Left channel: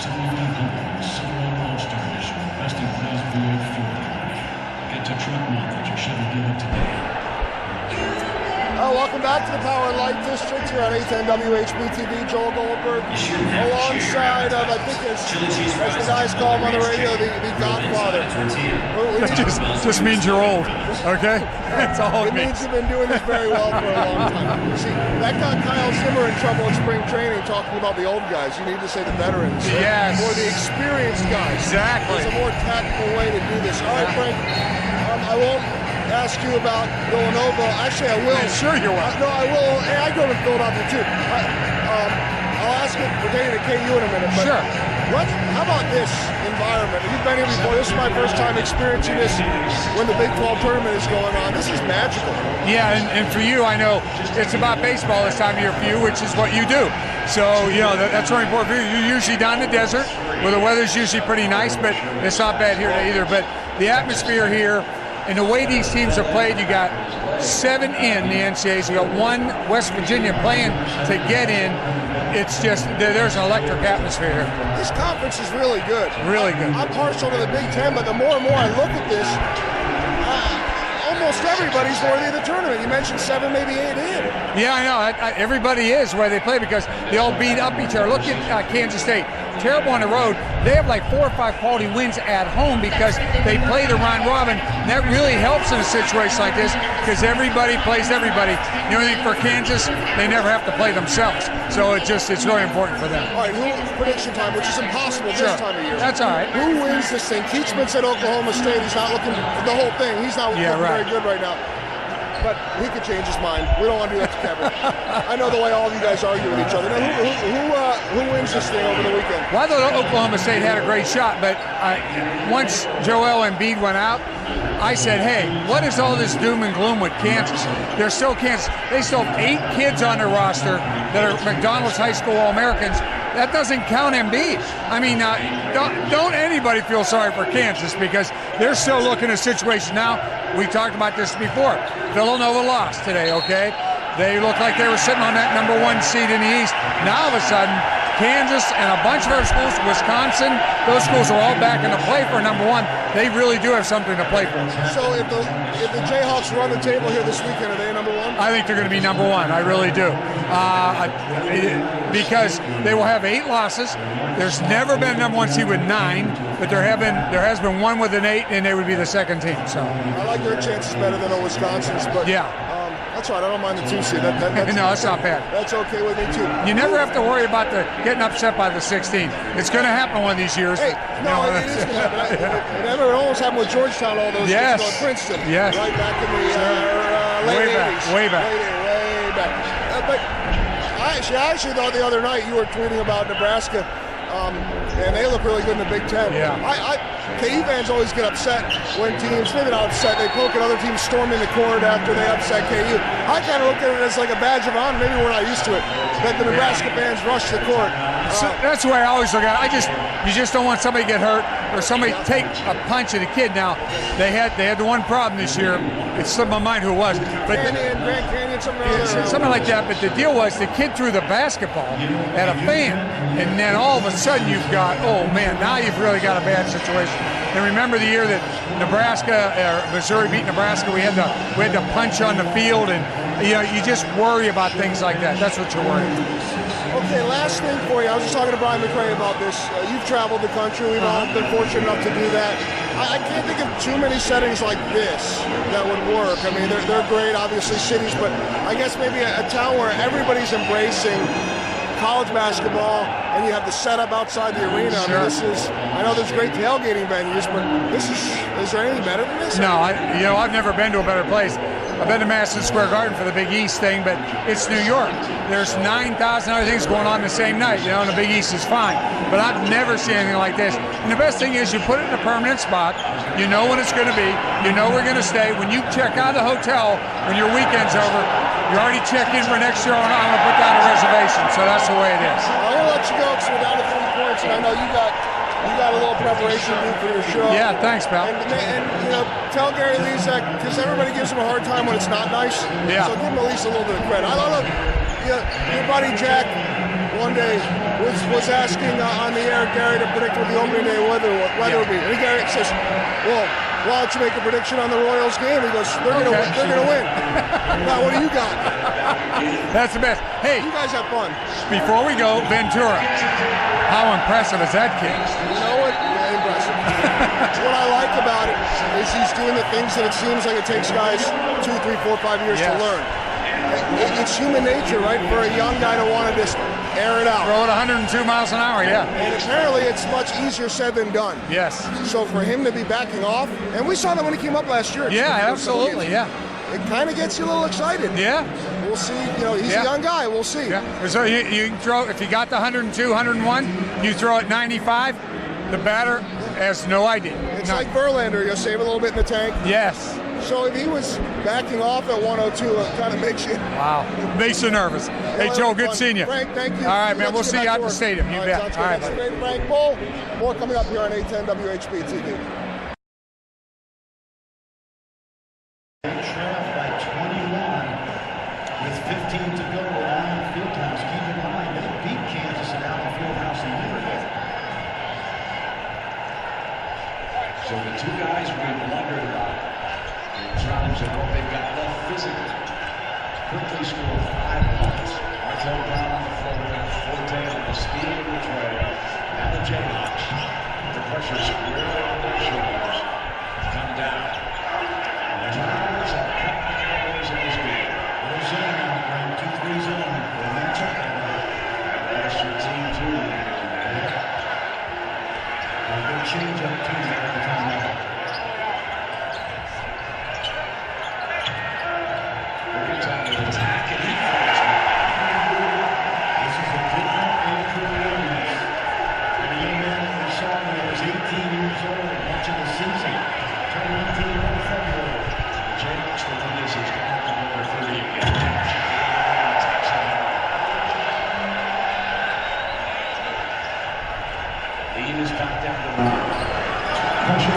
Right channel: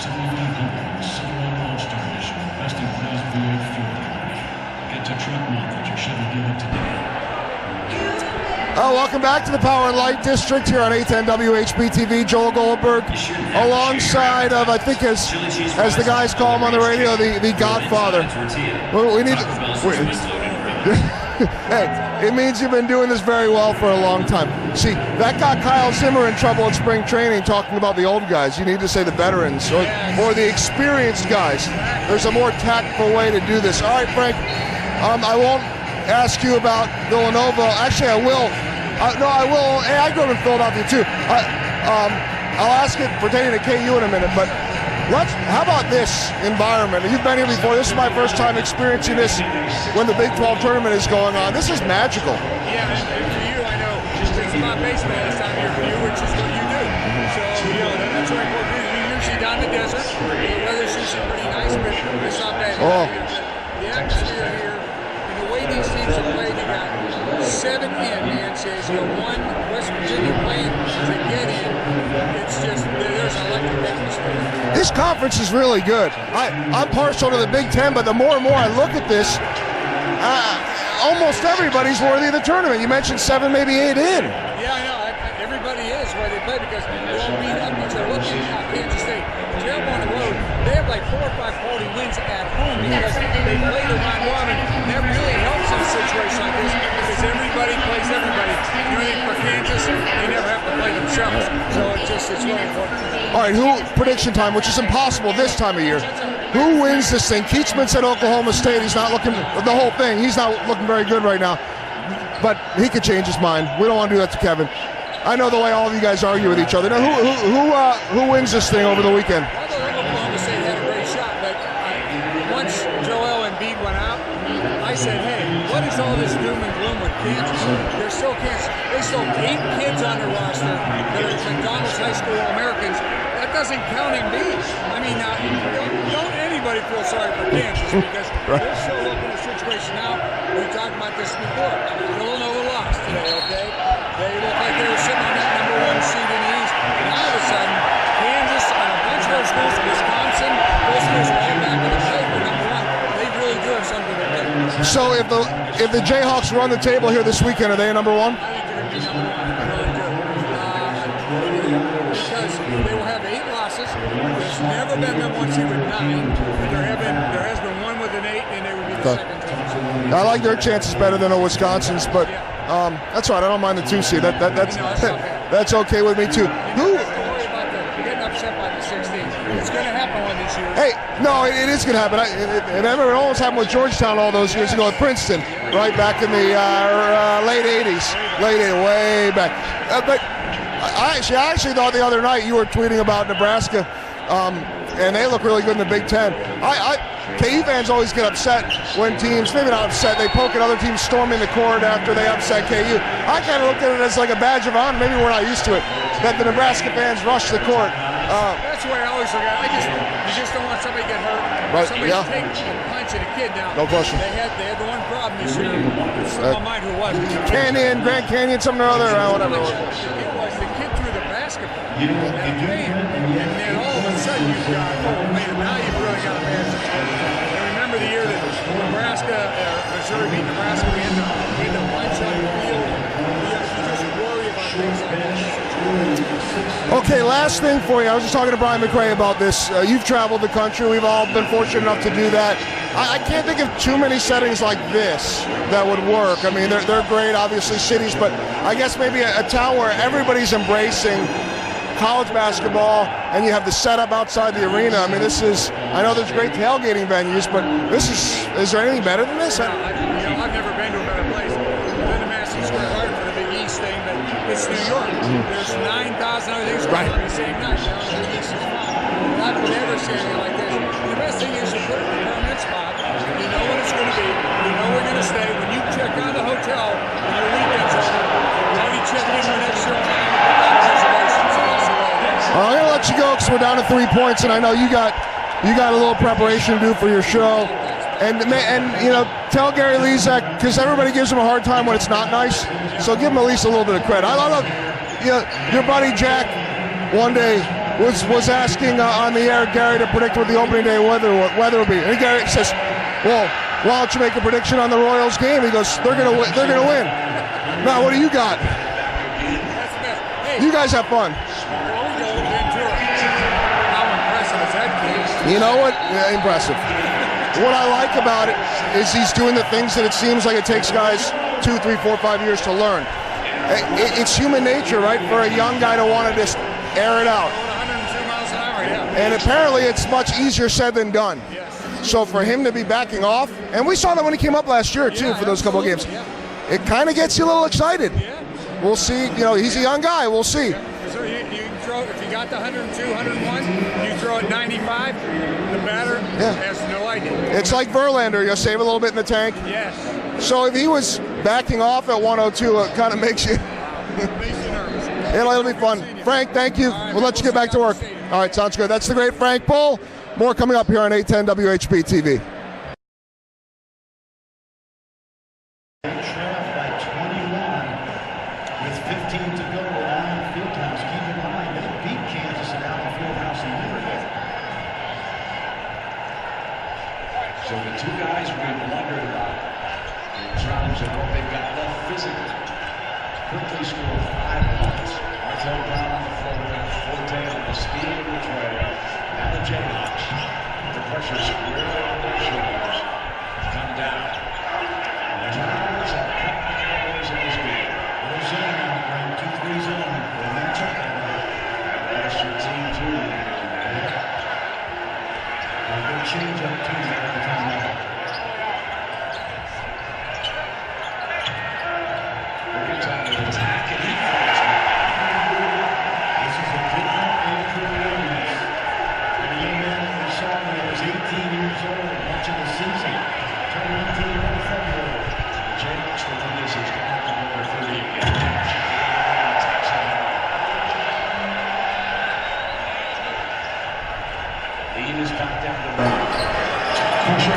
7500 Silverado All-Star Edition, best in class V8 fuel economy. Get to truck month at your Chevy dealer today. Welcome back to the Power and Light District here on 810 WHB-TV. Joel Goldberg, alongside of, I think as the guys call him on the radio, the Godfather. We need to, which means you're old, okay? It means you've been doing this very well for a long time. See, that got Kyle Zimmer in trouble in spring training talking about the old guys. You need to say the veterans, right? Or the experienced guys. Exactly. There's a more tactful way to do this. All right, Frank, I won't ask you about Villanova. Actually, I will. Sure you will. No, I will. Hey, I go to Philadelphia too. I'll ask you pertaining to KU in a minute. But how about this environment? You've been here before. This is my first time experiencing this when the Big 12 tournament is going on. This is magical. Yeah, and for you, I know it's about baseball this time of year for you, which is what you do. So, you know, that's very important for you. You're usually down in the desert, where the weather's usually pretty nice, but it's not bad here either. But the atmosphere here, and the way these teams are played, you got 7 in the NCAAs, you got 1 West Virginia playing to get in. It's just, there's an electric atmosphere here. This conference is really good. Really good. I'm partial to the Big Ten, but the more and more I look at this, almost everybody's worthy of the tournament. You mentioned 7, maybe 8 in. Yeah, I know. Everybody is where they play because they all beat up each other. Look at Kansas State. Terrible on the road. They have like 4 or 5 quality wins at home because they play the round robin. That really helps in a situation like this because everybody plays everybody. You know, for Kansas, they never have to play themselves. So it's really important for them. All right, prediction time, which is impossible this time of year. That's all right. Who wins this thing? Keachman's at Oklahoma State. He's not looking, the whole thing, he's not looking very good right now. But he could change his mind. We don't want to do that to Kevin. I know the way all of you guys argue with each other. Now, who wins this thing over the weekend? Well, I thought Oklahoma State had a great shot, but once Joel Embiid went out, I said, hey, what is all this doom and gloom with Kansas? They're still Kansas. They still have 8 kids on their roster that are McDonald's High School All-Americans. That doesn't count Embiid. I mean, don't anybody feel sorry for Kansas because they're still looking at a situation now. We talked about this before. Villanova lost today, okay? They looked like they were sitting on that #1 seed in the East. Now all of a sudden, Kansas and a bunch of those schools, Wisconsin, those schools are all back in the play for #1. They really do have something to play for. So if the Jayhawks run the table here this weekend, are they #1? I think they're going to be #1. I really do. Because they will have 8 losses. There's never been a #1 seed with 9, but there has been one with an 8, and they would be the second team. So I like their chances better than a Wisconsin's, but that's all right. I don't mind the 2 seed. That's not bad. That's okay with me too. You never have to worry about getting upset by the 16. It's going to happen one of these years. Hey, no, it is going to happen. It almost happened with Georgetown all those years ago at Princeton, right back in the late 80s. Way back. But I actually thought the other night you were tweeting about Nebraska, and they look really good in the Big Ten. KU fans always get upset when teams, maybe not upset, they poke at other teams storming the court after they upset KU. I kind of look at it as like a badge of honor. Maybe we're not used to it, but the Nebraska fans rush the court. That's the way I always look at it. You just don't want somebody to get hurt or somebody to take a punch at a kid. Now, they had the one problem this year. It slipped my mind who it was. Grand Canyon, something or other. Something like that, but the deal was the kid threw the basketball at a fan, and then all of a sudden you've got, oh man, now you've really got a bad situation. And remember the year that Missouri beat Nebraska, we had to punch on the field, and you just worry about things like that. That's what you worry about. Okay, last thing for you. I was just talking to Brian McRae about this. You've traveled the country. We've all been fortunate enough to do that. I can't think of too many settings like this that would work. I mean, they're great, obviously, cities, but I guess maybe a town where everybody's embracing college basketball, and you have the setup outside the arena. I mean, I know there's great tailgating venues, but is there anything better than this? No, I've never been to a better place. I've been to Madison Square Garden for the Big East thing, but it's New York. There's 9,000 other things going on the same night. The Big East is fine, but I've never seen anything like this. And the best thing is you put it in a permanent spot. You know when it's going to be. You know we're going to stay. When you check out of the hotel, when your weekend's over, you already check in for next year and put down a reservation. So that's the way it is. Well, I'm going to let you go because we're down to 3 points, and I know you got a little preparation to do for your show. Yeah, thanks, man. And tell Gary Lezak, because everybody gives him a hard time when it's not nice. So give him at least a little bit of credit. I don't know, your buddy Jack one day was asking on the air Gary to predict what the opening day weather will be. And Gary says, well, why don't you make a prediction on the Royals game? He goes, they're gonna win. Now, what do you got? That's the best. Hey, you guys have fun. Before we go, Ventura. How impressive is that kid? You know what? Yeah, impressive. What I like about it is he's doing the things that it seems like it takes guys 2, 3, 4, 5 years to learn. It's human nature, right, for a young guy to want to just air it out. Throw it 102 miles an hour, yeah. And apparently it's much easier said than done. Yes. So for him to be backing off, and we saw that when he came up last year, too, for those couple games. Yeah. It kind of gets you a little excited. Yeah. We'll see. You know, he's a young guy. We'll see. Yeah. So you can throw, if you got the 102, 101, you throw it 95, the batter has no idea. It's like Verlander. You'll save a little bit in the tank. Yes. So if he was backing off at 102, it kind of makes you... Wow. It makes you nervous. Hey, Joe, good seeing you. Frank, thank you. All right, we'll let you get back to work. All right, sounds good. That's the great Frank Boal. More coming up here on 810 WHB TV. Trailed by 21 with 15 to go at Allen Fieldhouse. Keep in mind, they beat Kansas at Allen Fieldhouse a year ago. So the two guys we've wondered about in terms of what they've got left physically quickly scored 5 points. Martel Brown on the floater, Forte on the speed of the trail. Now the Jayhawks, the pressure squarely on their shoulders, come down. The Giants have cut back the ways of this game. Little zone out, right? 2-3 zone. They've been talking about it. That's your team, too. A good change up, too, every time out. Every time they attack, and he falls. This is a different day for the Williams. And the young man that we saw when he was 18 years old, much of the season, turned 19 in February. The Jayhawks, the lead is he's gone to number 30 again. Lead is back down to 1.